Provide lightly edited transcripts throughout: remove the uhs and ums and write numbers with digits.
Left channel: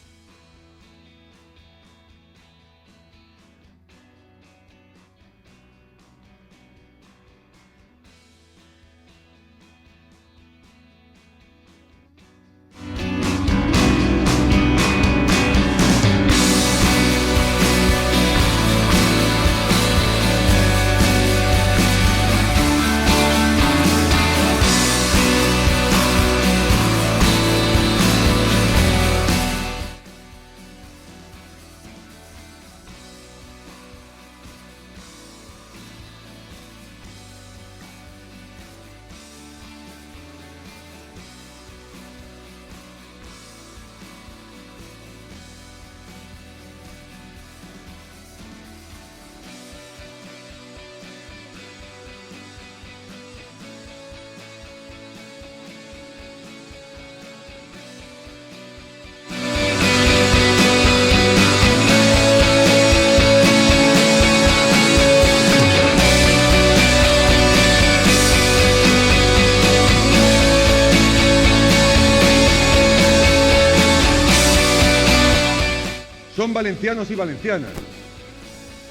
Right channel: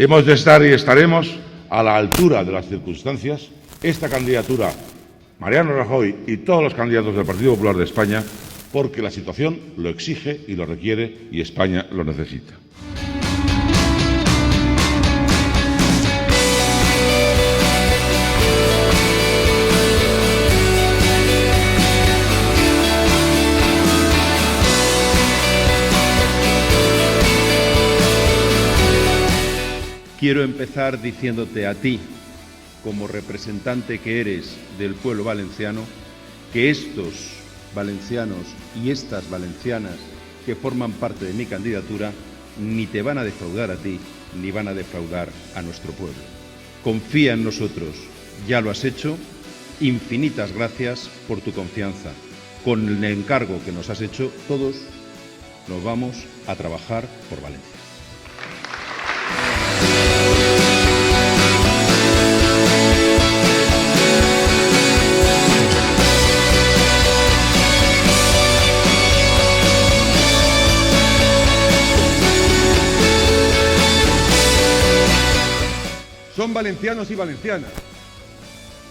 Hemos de estar y estaremos a la altura de las circunstancias. Esta candidatura, Mariano Rajoy y todos los candidatos del Partido Popular de España, porque la situación lo exige y lo requiere y España lo necesita. Quiero empezar diciéndote a ti, como representante que eres del pueblo valenciano, que estos valencianos y estas valencianas que forman parte de mi candidatura ni te van a defraudar a ti, ni van a defraudar a nuestro pueblo. Confía en nosotros, ya lo has hecho. Infinitas gracias por tu confianza. Con el encargo que nos has hecho, todos nos vamos a trabajar por Valencia. Son valencianos y valencianas,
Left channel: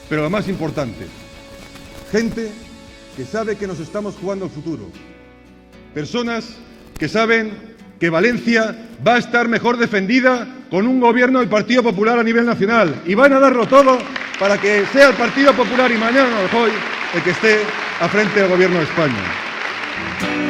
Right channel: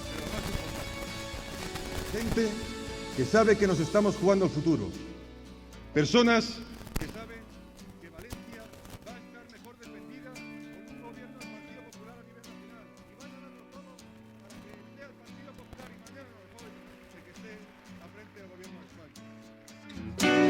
pero lo más importante, gente que sabe que nos estamos jugando el futuro, personas que saben que Valencia va a estar mejor defendida con un gobierno del Partido Popular a nivel nacional y van a darlo todo para que sea el Partido Popular y Mariano Rajoy el que esté al frente del gobierno de España.